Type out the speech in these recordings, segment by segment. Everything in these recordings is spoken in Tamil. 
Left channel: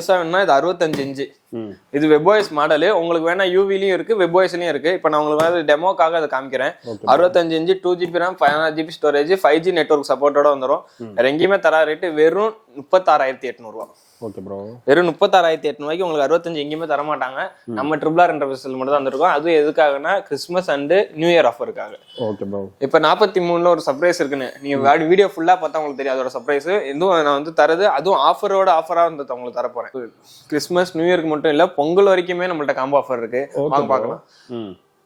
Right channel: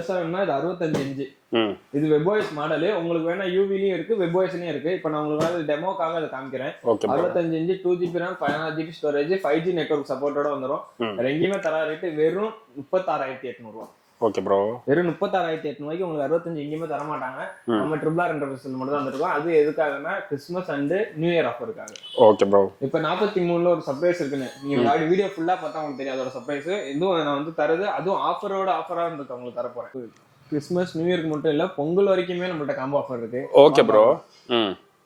இது 65 இன்ச்சு. இது WebOS மாடலு. உங்களுக்கு வேணா யூவிலையும் இருக்கு, WebOSலயும் இருக்கு. இப்போ நான் உங்களுக்கு வந்து டெமோக்காக அதை காமிக்கிறேன். 65 inch 2GB RAM 512GB storage 5G network சப்போர்ட்டோட வந்துடும். வேற எங்கேயுமே தர ரேட்டு வெறும் 36,800 ரூபா. Okay bro. வெறும் 36,800 உங்களுக்கு 65 எங்கேயுமே தர மாட்டாங்க. நம்ம RRR இன்டர்ஃபேஸில் மட்டும் தான் வந்துருக்கோம். அது எதுக்காகனா கிறிஸ்மஸ் அண்ட் நியூ இயர் ஆஃபருக்காக. Okay bro. இப்போ 43ல ஒரு சர்ப்ரைஸ் இருக்குன்னு நீங்க வீடியோ ஃபுல்லா பார்த்தா உங்களுக்கு தெரியும் அதோட சர்ப்ரைஸ். இதுவும் நான் வந்து தரது அதுவும் ஆஃபரா வந்து உங்களுக்கு தர போறேன். கிறிஸ்மஸ் நியூ இயருக்கு மட்டும் இல்ல, பொங்கல் வரைக்குமே நம்மள்ட்ட காம்போ ஆஃபர் இருக்கு. Okay bro.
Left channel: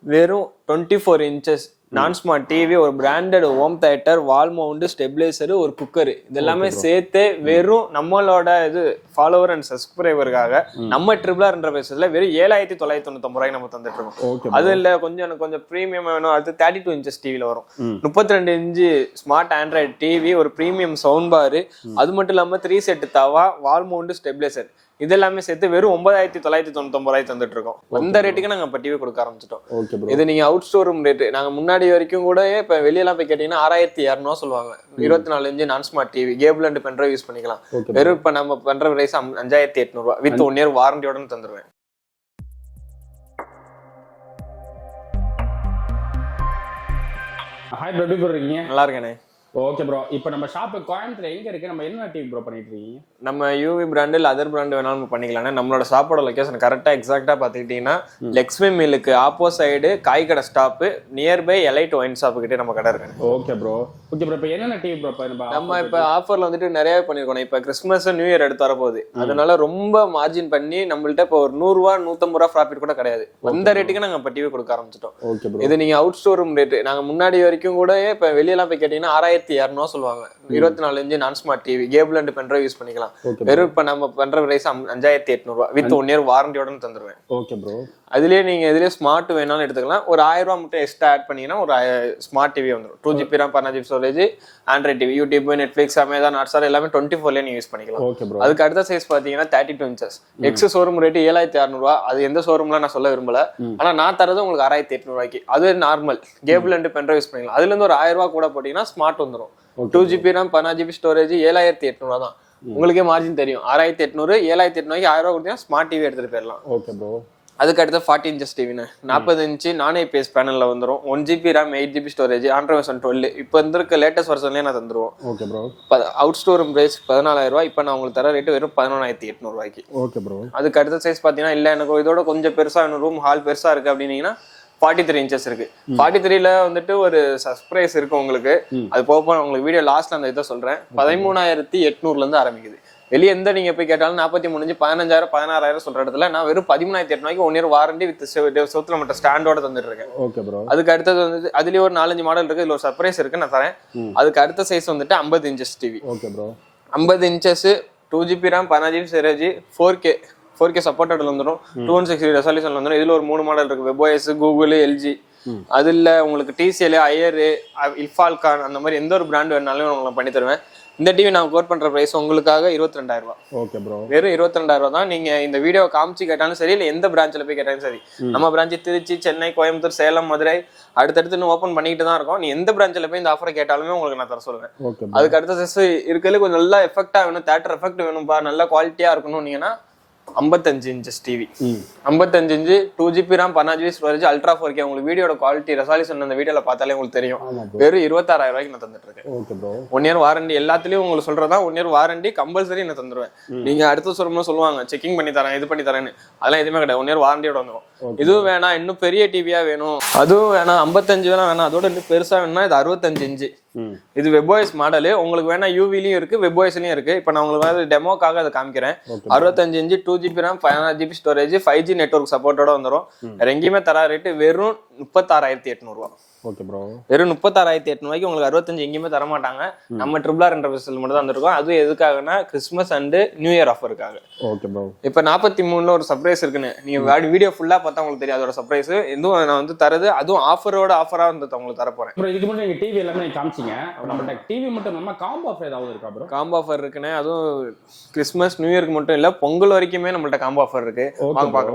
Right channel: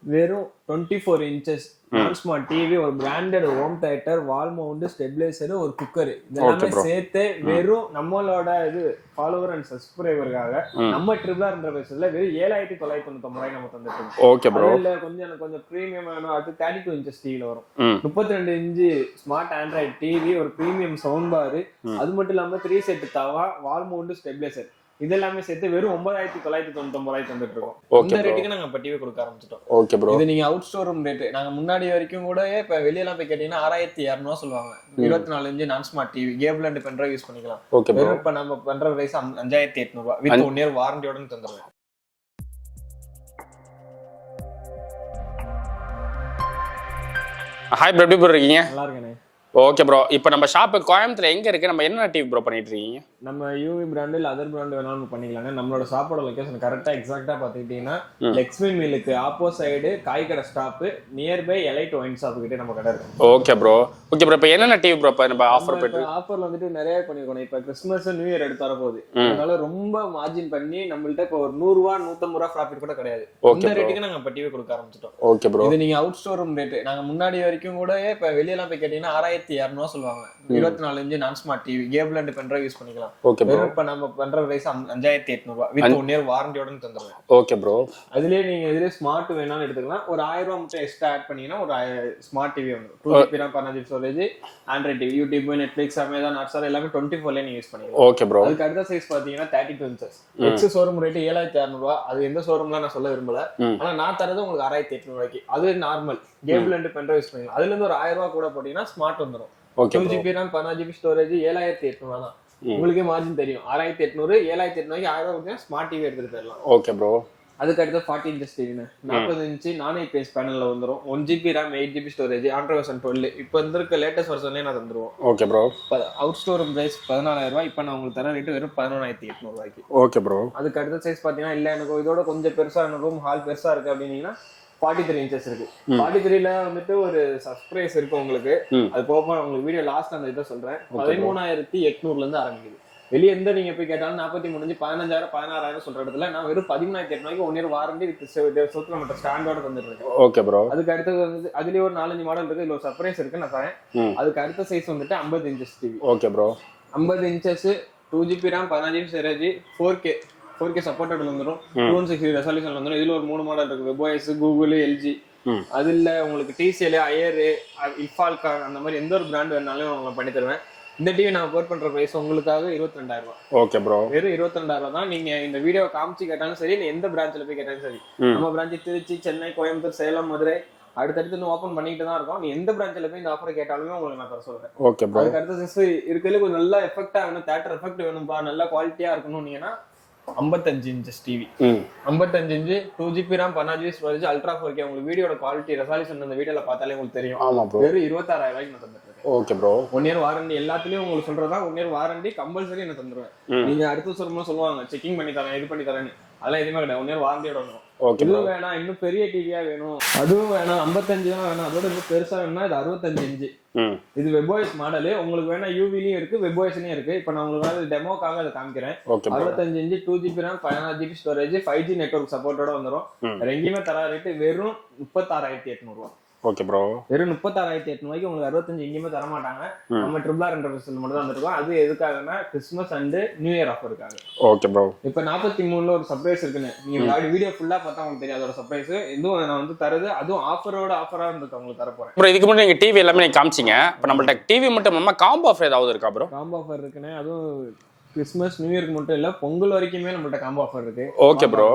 வெறும் 24 இன்ச்சஸ் நான் ஸ்மார்ட் டிவி, ஒரு பிராண்டட் ஹோம் தியேட்டர், வால் மவுண்ட், ஸ்டெபிலைசர், ஒரு குக்கர், இதெல்லாமே சேர்த்து வெறும் நம்மளோட இது ஃபாலோவர் அண்ட் சப்ஸ்கிரைபருக்காக நம்ம RRR இன்டர்ஃபேஸ்ல வெறும் 7,999 ரூபாய் நம்ம தந்துட்டு இருக்கோம். அது இல்ல கொஞ்சம் பிரீமியம் வேணும், அது 32 இன்ச்சஸ் டிவில வரும். 32 இன்ச்சு ஸ்மார்ட் ஆண்ட்ராய்டு டிவி, ஒரு பிரீமியம் சவுண்ட் பார், அது மட்டும் இல்லாம 3 செட் தவா, வால் மவுண்ட், ஸ்டெபிலைசர், இதெல்லாமே சேர்த்து வெறும் 9,999 ரூபாய் தந்துட்டு இருக்கோம். அந்த ரேட்டுக்கு நாங்க இப்ப டிவி கொடுக்க ஆரம்பிச்சிட்டோம். Okay bro. இது நீங்க அவுட் ஸ்டோர் ரூம் ரேட். நாங்க முன்னாடி வரைக்கும் கூட இப்ப வெளியெல்லாம் போய் கேட்டீங்கன்னா 6,200 சொல்லுவாங்க. 24 இன்ச்சு நான் smart TV, cable and pen drive use பண்ணிக்கலாம். வெறும் இப்ப நம்ம பண்ற பிரைஸ் 5,800 ரூபாய் வித் 1 இயர் வாரண்டியோட தந்துருவேன். ஹாய் ப்ரோ, எப்படி ப்ரோ இருக்கீங்க? நல்லா இருக்கேனே. Okay bro. இப்போ நம்ம ஷாப்பு கோயம்புத்தூர்ல எங்க இருக்கு? நம்ம என்ன டிவி ப்ரோ பண்ணிட்டு இருக்கீங்க? நம்ம யூவி பிராண்ட் இல்ல அதர் பிராண்ட் வேணாலும் பண்ணிக்கலாம். நம்மளோட ஷாப்போட லொகேஷன் கரெக்டா எக்ஸாக்டா பாத்துக்கிட்டீங்கன்னா லக்ஷ்மி மில்லுக்கு ஆப்போசைடு காய் கடை stop nearby elite wine shop கிட்டே நம்ம கடை இருக்கு. Okay bro. Okay bro. இப்போ என்னென்ன டிவி ப்ரோ நம்ம ஆஃபர்ல வந்துட்டு நிறைய பண்ணிருக்கோம். இப்போ கிறிஸ்மஸ் நியூ இயர் எடுத்து வரப்போகுது, அதனால ரொம்ப மார்ஜின் பண்ணி நம்மள்ட்ட இப்போ ஒரு 100 ரூபா 150 ரூபா ப்ராஃபிட் கூட கிடையாது. அந்த ரேட்டுக்கு நாங்க இப்போ டிவி கொடுக்க ஆரம்பிச்சிட்டோம். Okay bro. இது நீங்க அவுட் ஸ்டோர் ரூம் ரேட். நாங்க முன்னாடி வரைக்கும் கூட இப்ப வெளியெல்லாம் போய் கேட்டீங்கன்னா 6,200 சொல்லுவாங்க. 24 இன்ச்சு நான் smart TV, cable and pen drive use பண்ணிக்கலாம். வெறும் இப்ப நம்ம பண்ற பிரைஸ் 5,800 ரூபாய் வித் 1 இயர் வாரண்டியோட தந்துருவேன். Okay bro. அதுலயே நீங்க இதுலயே ஸ்மார்ட் வேணாலும் எடுத்துக்கலாம். ஒரு 1000 ரூபாய் மட்டும் எக்ஸ்ட்ரா ஆட் பண்ணீங்கன்னா ஒரு ஸ்மார்ட் டிவி வந்துடும். 2GB RAM 16GB storage, Android TV, YouTube, Netflix, Amazon, Hotstar எல்லாமே 24ல நீங்க யூஸ் பண்ணிக்கலாம். Okay bro. அதுக்கு அடுத்த சைஸ் பாத்தீங்கன்னா 32 இன்ச்சஸ். எக்ஸ் ஷோரூம் ரேட் 7,600 ரூபாய். அது எந்த ஷோரூம்ல நான் சொல்ல விரும்பல. ஆனா நான் தரது உங்களுக்கு 6,800 ரூபாய்க்கு. அது normal cable and pen drive use பண்ணிக்கலாம். அதுல இருந்து ஒரு 1000 ரூபாய் கூட போட்டீங்கன்னா ஸ்மார்ட் வந்துடும். 2GB RAM 16GB ஸ்டோரேஜ் 7,800 தான். உங்களுக்கே மார்ஜின் தெரியும். 6,800 7,800 1000 ரூபாய் கொடுத்தீங்கன்னா ஸ்மார்ட் டிவி எடுத்துட்டு போயிடலாம். Okay bro. அதுக்கு அடுத்து 40 இன்ச்சஸ் டிவின்னு 40 இன்ச்சு நான் ஐபிஎஸ் பேனல்ல வந்துடும். 1GB RAM 8GB storage, Android version 12. இப்போ இருக்க லேட்டஸ்ட் வெர்ஷன்லேயே நான் தந்துருவோம். Okay bro. Out store price 14,000 ரூபாய். இப்போ நான் உங்களுக்கு தர ரேட்டு வெறும் 11,800 ரூபாய்க்கு. Okay bro. அதுக்கு அடுத்த சைஸ் பார்த்தீங்கன்னா இல்லை எனக்கு இதோட கொஞ்சம் பெருசா வேணும், ரூம் ஹால் பெருசா இருக்கு அப்படின்னீங்கன்னா 43 இன்ச்சஸ் இருக்கு. 43ல வந்துட்டு ஒரு சர்ப்ரைஸ் இருக்கு உங்களுக்கு. அது போக உங்களுக்கு வீடியோ லாஸ்ட்ல அந்த இதை சொல்றேன். 13,800 இருந்து ஆரம்பிக்குது. வெளியே எந்த நீங்க போய் கேட்டாலும் 43 15,000 16,000 சொல்ற இடத்துல நான் வெறும் 13,800 1 இயர் வாரண்டி வித் சொத்துல மட்டும் ஸ்டாண்டோட தந்துட்டு இருக்கேன். Okay bro. அதுக்கு அடுத்தது வந்து அதுலயே ஒரு 4-5 மாடல் இருக்கு. இதுல ஒரு சர்ப்ரைஸ் இருக்கு, நான் தரேன். அதுக்கு அடுத்த சைஸ் வந்துட்டு 50 inches TV. Okay bro. 50 inches 2GB RAM 16GB storage 4K supported வந்துடும். 2160 ரெசல்யூஷன் வந்துடும். இதுல ஒரு 3 மாடல் இருக்கு. WebOS, Google, LG. அது இல்ல உங்களுக்கு TCL, ஐயர், இல்ஃபால்கான் அந்த மாதிரி எந்த ஒரு பிராண்ட் வேணாலும் உங்களுக்கு பண்ணி தருவேன். இந்த டிவி நான் கோட் பண்ற பிரைஸ் உங்களுக்காக 22,000 ரூபாய். Okay bro. வெறும் 22,000 ரூபாய் தான். நீங்க இந்த வீடியோ காமிச்சு கேட்டாலும் சரி, இல்ல எந்த பிரான்ச்ல போய் கேட்டாலும் சரி, நம்ம பிரான்ச் திருச்சி, சென்னை, கோயம்புத்தூர், சேலம், மதுரை அடுத்தடுத்து ஓப்பன் பண்ணிட்டு தான் இருக்கோம். நீ எந்த பிரான்ச்ல போய் இந்த ஆஃபரை கேட்டாலுமே உங்களுக்கு நான் தர சொல்லுவேன். ஓகே. அதுக்கு அடுத்த சைஸ் இருக்கிறதுல கொஞ்சம் நல்லா எஃபெக்டா வேணும், தியேட்டர் எஃபெக்ட் வேணும்பா, நல்ல குவாலிட்டியா இருக்கணும்னீங்கன்னா 55 inches TV. 55 inch 2GB RAM 16GB storage ultra 4K. உங்களுக்கு வீடியோட குவாலிட்டி ரெசல்யூஷன் அந்த வீடியோல பார்த்தாலே உங்களுக்கு தெரியும். வெறும் 26,000 ரூபாய்க்கு நான் தந்துட்டு இருக்கேன். Okay bro. 1 இயர் வாரண்டி எல்லாத்துலயும் உங்களுக்கு சொல்றதா 1 இயர் வாரண்டி கம்பல்சரி நான் தந்துருவேன். நீங்க அடுத்த சொல்லும்போது சொல்லுவாங்க செக்கிங் பண்ணி தரேன், இது பண்ணி தரேன்னு. அதெல்லாம் எதுவுமே கிடையாது. 1 இயர் வாரண்டியோட வந்துடும். இதுவும் வேணாம், இன்னும் பெரிய டிவியா வேணும், அதுவும் வேணாம், 55 வேணாம், அதோட இன்னும் பெருசா வேணும்னா இது 65 இன்ச்சு. இது WebOS மாடலு. உங்களுக்கு வேணா யூவிலையும் இருக்கு, WebOSலயும் இருக்கு. இப்போ நான் உங்களுக்கு வந்து டெமோக்காக அதை காமிக்கிறேன். 65 inch 2GB RAM 512GB storage 5G network சப்போர்ட்டோட வந்துடும். வேற எங்கேயுமே தர ரேட்டு வெறும் 36,800 ரூபாய். Okay bro. வெறும் 36,800 உங்களுக்கு 65 எங்கேயுமே தர மாட்டாங்க. நம்ம RRR இன்டர்ஃபேஸில் மட்டும் தான் வந்துருக்கோம். அது எதுக்காகனா கிறிஸ்மஸ் அண்ட் நியூ இயர் ஆஃபருக்காக. Okay bro. இப்போ 43ல ஒரு சர்ப்ரைஸ் இருக்குன்னு நீங்க வீடியோ ஃபுல்லா பார்த்தா உங்களுக்கு தெரியும் அதோட சர்ப்ரைஸ். இதுவும் நான் வந்து தரது அதுவும் ஆஃபரா வந்து உங்களுக்கு தர போறேன். ப்ரோ இதுக்கு முன்னாடி நீங்க டிவி எல்லாமே நீங்க காமிச்சீங்க. இப்போ நம்மள்ட்ட டிவி மட்டும் இல்லாம காம்போ ஆஃபர் ஏதாவது இருக்கா ப்ரோ? காம்போ ஆஃபர் இருக்குன்னு, அதுவும் கிறிஸ்மஸ் நியூ இயருக்கு மட்டும் இல்ல, பொங்கல் வரைக்குமே நம்மள்ட்ட காம்போ ஆஃபர் இருக்கு. Okay bro.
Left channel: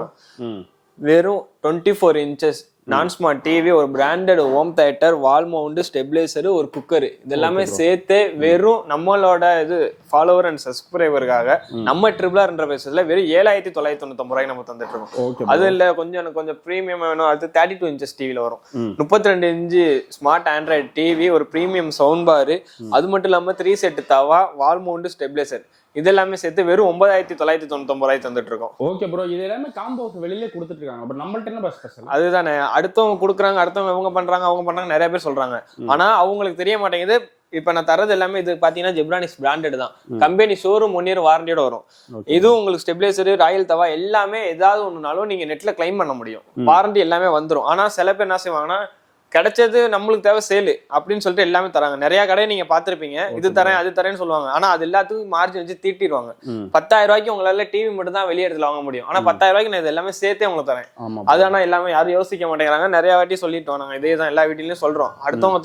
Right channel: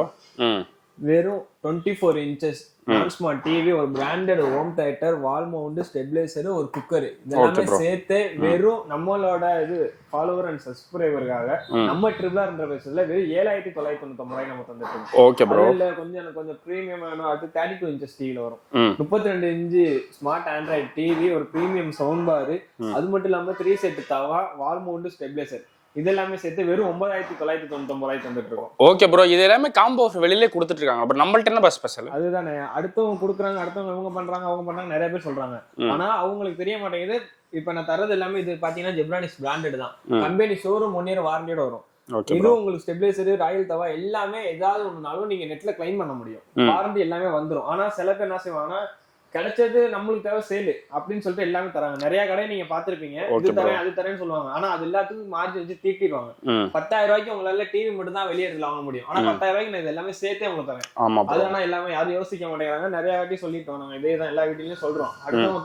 வெறும் 24 இன்ச்சஸ் நான் ஸ்மார்ட் டிவி, ஒரு பிராண்டட் ஹோம் தியேட்டர், வால் மவுண்ட், ஸ்டெபிலைசர், ஒரு குக்கர், இதெல்லாமே சேர்த்து வெறும் நம்மளோட இது ஃபாலோவர் அண்ட் சப்ஸ்கிரைபருக்காக நம்ம ட்ரிபிள் என்ற பேசுறதுல வெறும் 7,999 ரூபாய் நம்ம தந்துட்டு இருக்கோம். அது இல்ல கொஞ்சம் பிரீமியம் வேணும், அது 32 இன்ச்சஸ் டிவில வரும். 32 இன்ச்சு ஸ்மார்ட் ஆண்ட்ராய்டு டிவி, ஒரு பிரீமியம் சவுண்ட் பார், அது மட்டும் இல்லாம 3 செட் தவா, வால் மவுண்ட், ஸ்டெபிலைசர், இதெல்லாமே சேர்த்து வெறும் 9,999 ரூபாய் தந்துட்டு இருக்கோம். ஓகே ப்ரோ, இது எல்லாமே காம்போ வெளியிலே கொடுத்துட்டு இருக்காங்க. அப்புறம் நம்மள்ட்ட என்ன ஸ்பெஷல்? அதுதானே, அடுத்தவங்க கொடுக்குறாங்க, அடுத்தவங்க அவங்க பண்றாங்க நிறைய பேர் சொல்றாங்க. ஆனா அவங்களுக்கு தெரிய மாட்டேங்குது. இப்ப நான் தரது எல்லாமே இது பாத்தீங்கன்னா ஜெப்ரானிக்ஸ் பிராண்டட் தான். கம்பெனி ஷோரூம் 1 இயர் வாரண்டியோட வரும். இதுவும் உங்களுக்கு ஸ்டெபிலைசர், ராயல் தவா எல்லாமே ஏதாவது ஒண்ணுனாலும் நீங்க நெட்ல கிளைம் பண்ண முடியும். வாரண்டி எல்லாமே வந்துடும். ஆனா சில பேர் என்ன செய்வாங்கன்னா, கிடைச்சது நம்மளுக்கு தேவை சேலு அப்படின்னு சொல்லிட்டு எல்லாமே தராங்க. நிறைய கடையை நீங்க பாத்துருப்பீங்க, இது தரேன் அது தரேன்னு சொல்லுவாங்க. ஆனா அது எல்லாத்துக்கும் மார்ஜின் வச்சு தீட்டிடுவாங்க. 10,000 ரூபாய்க்கு உங்களால டிவி மட்டும் தான் வெளியே இடத்துல வாங்க முடியும். ஆனா 10,000 ரூபாய்க்கு நான் இது எல்லாமே சேர்த்தே உங்களுக்கு தரேன். அது ஆனா எல்லாமே யாரும் யோசிக்க மாட்டேங்கிறாங்க. நிறைய வாட்டி சொல்லிட்டோம் நாங்க, இதே தான் எல்லா வீட்டிலயும் சொல்றோம். அடுத்தவங்க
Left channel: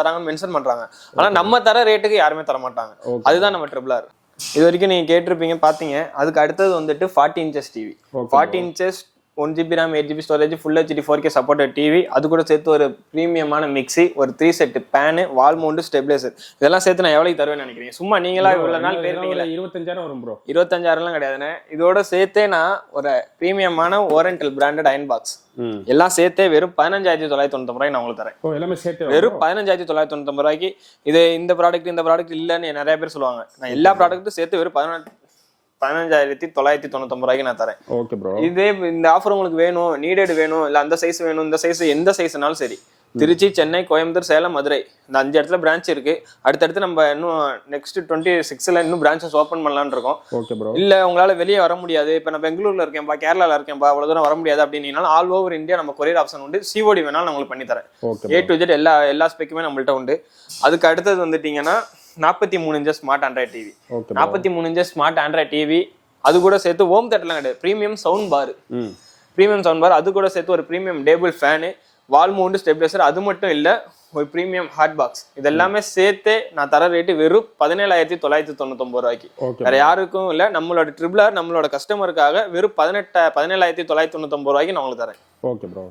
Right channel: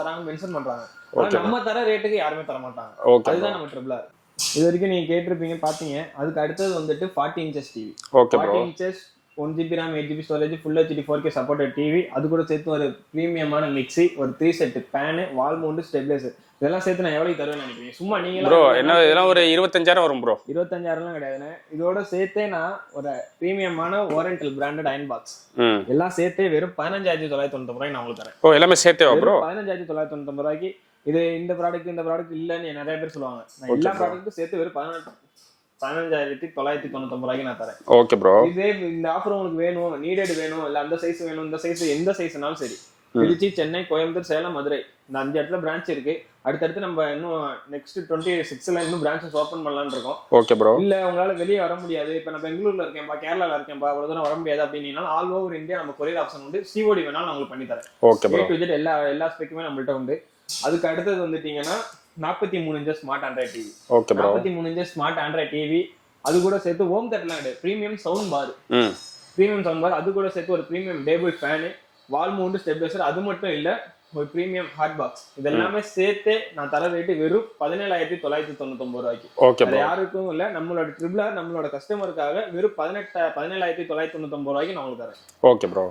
தராங்கன்னு மென்ஷன் பண்றாங்க. ஆனா நம்ம தர ரேட்டுக்கு யாருமே தர மாட்டாங்க. அதுதான் நம்ம ட்ரிபிள் ஆர். இது வரைக்கும் நீங்க கேட்டிருப்பீங்க, பாத்தீங்க. அதுக்கு அடுத்தது வந்துட்டு 40 inches TV. 40 inches 1 GB RAM, 8 GB storage, full HD 4K supported TV, அது கூட சேர்த்து ஒரு பிரீமியமான மிக்ஸி, ஒரு 3 set fan, wall mount, stabiliser, இதெல்லாம் சேர்த்து நான் எவ்வளவு தருவேன்னு நினைக்கிறீங்க? சும்மா நீங்களா இதெல்லாம் ஒரு 25,000 வரும் ப்ரோ. 25,000 கிடையாதுண்ணே. இதோட சேர்த்தே நான் ஒரு பிரீமியமான ஓரியண்டல் பிராண்டட் அயன் பாக்ஸ் எல்லாம் சேர்த்தே வெறும் 15,999 ரூபாய் நான் உங்களுக்கு தரேன். எல்லாமே சேர்த்தே வெறும் 15,999 ரூபாய்க்கு. இது இந்த ப்ராடக்ட் இல்லன்னு நிறைய பேர் சொல்லுவாங்க. நான் எல்லா ப்ராடக்ட்டும் சேர்த்து வெறும் 15,999 ரூபாய்க்கு நான் தரேன். ஓகே ப்ரோ, இதே இந்த ஆஃபர் உங்களுக்கு வேணும், நீடட் வேணும், இல்ல அந்த சைஸ் வேணும், இந்த சைஸ், எந்த சைஸ்னாலும் சரி, திருச்சி, சென்னை, கோயம்புத்தூர், சேலம், மதுரை, இந்த 5 இடத்துல பிரான்ச் இருக்கு. அடுத்தடுத்து நம்ம இன்னும் நெக்ஸ்ட் 26ல இன்னும் பிரான்ச்சஸ் ஓப்பன் பண்ணலாம்னு இருக்கோம். Okay bro. இல்ல உங்களால வெளியே வர முடியாது, இப்ப நான் பெங்களூர்ல இருக்கேன்பா, கேரளால இருக்கேன்பா, அவ்வளவு தூரம் வர முடியாது அப்படின்னாலும் ஆல் ஓவர் இந்தியா நம்ம கொரியர் ஆப்ஷன் உண்டு. சிஓடி வேணாலும் நான் உங்களுக்கு பண்ணி தரேன். A to Z எல்லா ஸ்பெக்குமே நம்மள்ட்ட உண்டு. அதுக்கு அடுத்தது வந்துட்டீங்கன்னா 43 inches smart Android TV. 43 inches smart Android TV, அது கூட சேர்த்து ஹோம் தியேட்டர்லாம் கிடையாது, பிரீமியம் சவுண்ட் பார், அது கூட சேர்த்து ஒரு பிரீமியம் டேபிள் ஃபேனு, வால் மவுண்ட், ஸ்டெபிலைசர், அது மட்டும் இல்ல ஒரு பிரீமியம் ஹாட் பாக்ஸ், இதெல்லாமே சேர்த்து நான் தர ரேட்டு வெறும் 17,999 ரூபாய்க்கு. வேற யாருக்கும் இல்ல, நம்மளோட ட்ரிபிள் ஆர் நம்மளோட கஸ்டமருக்காக வெறும் 17,999 ரூபாய்க்கு நான் உங்களுக்கு தரேன். Okay bro.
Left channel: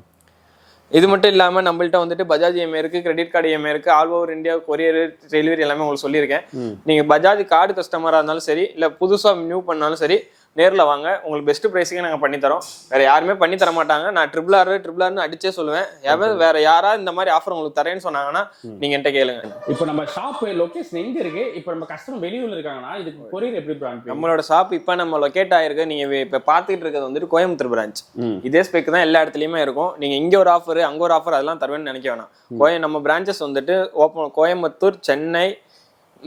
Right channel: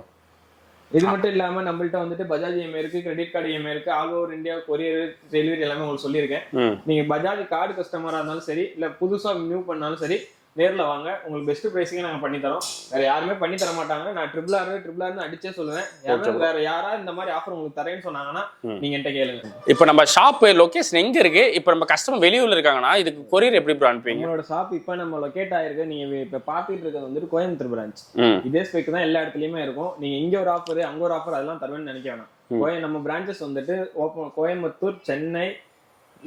இது மட்டும் இல்லாம நம்மள்ட்ட வந்துட்டு பஜாஜ் இஎம்ஐ இருக்கு, கிரெடிட் கார்டு இஎம்ஐ இருக்கு, all over India courier delivery எல்லாமே உங்களுக்கு சொல்லியிருக்கேன். நீங்க பஜாஜ் கார்டு கஸ்டமரா இருந்தாலும் சரி, இல்ல புதுசா நியூ பண்ணாலும் சரி, நேர்ல வாங்க, உங்களுக்கு பெஸ்ட் பிரைஸிங்க நாங்க பண்ணி தரோம். வேற யாருமே பண்ணி தர மாட்டாங்க. நான் ட்ரிபிள் ஆர்னு அடிச்சே சொல்லுவேன். வேற யாராவது இந்த மாதிரி ஆஃபர் உங்களுக்கு தரேன்னு சொன்னாங்கன்னா நீங்க என்கிட்ட கேளுங்க. இப்போ நம்ம ஷாப் லொகேஷன் எங்க இருக்கு? இப்போ நம்ம கஸ்டமர் வெளியூர்ல இருக்காங்கன்னா இதுக்கு கொரியர் எப்படி அனுப்புவீங்க? நம்மளோட ஷாப் இப்ப நம்ம லொகேட் ஆயிருக்கு. நீங்க இப்ப பாத்துக்கிட்டு இருக்கிறது வந்துட்டு கோயம்புத்தூர் பிரான்ச். இதே ஸ்பெக் தான் எல்லா இடத்துலயுமே இருக்கும். நீங்க இங்க ஒரு ஆஃபர், அங்க ஒரு ஆஃபர், அதெல்லாம் தருவேன்னு நினைக்க வேணாம். நம்ம பிரான்ச்சஸ் வந்துட்டு கோயம்புத்தூர், சென்னை,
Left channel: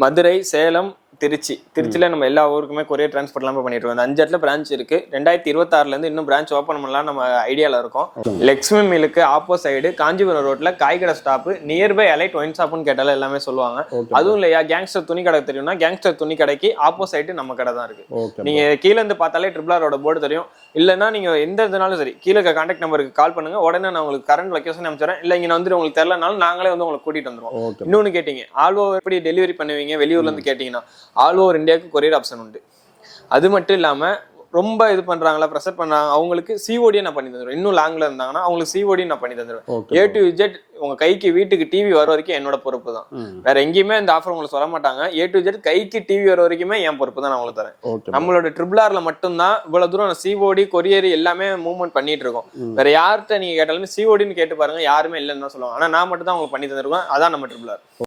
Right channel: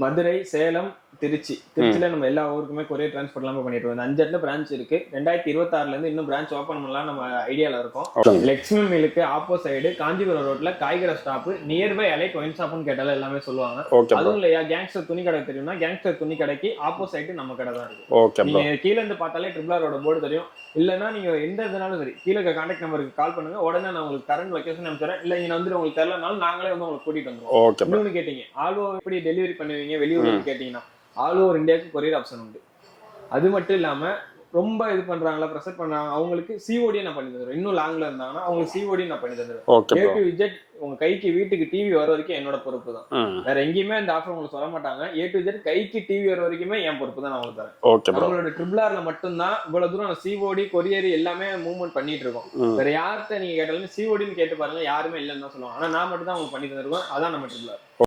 மதுரை, சேலம், திருச்சியில நம்ம எல்லா ஊருக்குமே கொரியர் டிரான்ஸ்போர்ட் எல்லாமே பண்ணிட்டு இருக்கோம். 5 இடத்துல பிரான்ச் இருக்கு. 2026ல இருந்து இன்னும் பிரான்ச் ஓப்பன் பண்ணலாம் நம்ம ஐடியால இருக்கோம். லெக்ஸ்மி மில்லுக்கு ஆப்போசைடு காஞ்சிபுரம் ரோட்ல காய்கடை ஸ்டாப், நியர்பை அலைட் ஒயின் ஷாப்னு கேட்டாலும் எல்லாமே சொல்லுவாங்க. அதுவும் இல்லையா, கேங்ஸ்டர் துணி கடை தெரியும்னா கேங்ஸ்டர் துணி கடைக்கு ஆப்போசைடு நம்ம கடை தான் இருக்கு. நீங்க கீழே இருந்து பார்த்தாலே ட்ரிபிள் ஆரோட போர்டு தெரியும். இல்லைன்னா நீங்க எந்த இதனாலும் சரி, கீழே கான்டாக்ட் நம்பருக்கு கால் பண்ணுங்க. உடனே நான் உங்களுக்கு கரண்ட் லொகேஷன் அனுப்பிச்சுறேன். இல்ல இங்க வந்துட்டு உங்களுக்கு தெரியலனாலும் நாங்களே வந்து உங்களுக்கு கூட்டிட்டு வந்துருவோம். இன்னொன்னு கேட்டீங்க, ஆல் ஓவர் எப்படி டெலிவரி பண்ணுவீங்க வெளியூர்ல இருந்து கேட்டீங்கன்னா, ஆல் ஓவர் இந்தியாவுக்கு கொரியர் ஆப்ஷன் உண்டு. அது மட்டும் இல்லாம ரொம்ப இது பண்றாங்களா, ப்ரெஷர் பண்றாங்க, அவங்களுக்கு சிஓடி நான் பண்ணி தந்துடுவேன். இன்னும் லாங்ல இருந்தாங்கன்னா அவங்களுக்கு சிஓடி நான் பண்ணி தந்துடுவேன். A to Z உங்க கைக்கு வீட்டுக்கு டிவி வர வரைக்கும் என்னோட பொறுப்பு தான். வேற எங்கேயுமே இந்த ஆஃபர் உங்களுக்கு சொல்ல மாட்டாங்க. A to Z கைக்கு டிவி வர வரைக்குமே என் பொறுப்பு தான் நான் உங்களுக்கு தரேன். நம்மளோட ட்ரிபிள் ஆர்ல மட்டும்தான் இவ்வளவு தூரம் சிஓடி கொரியர் எல்லாமே மூவ்மெண்ட் பண்ணிட்டு இருக்கோம். வேற யார்கிட்ட நீங்க கேட்டாலுமே சிஓடின்னு கேட்டு பாருங்க, யாருமே இல்லைன்னு தான் சொல்லுவாங்க. ஆனா நான் மட்டும் தான் உங்களுக்கு பண்ணி தந்துருவேன். அதான் நம்ம ட்ரிபிள் ஆர்.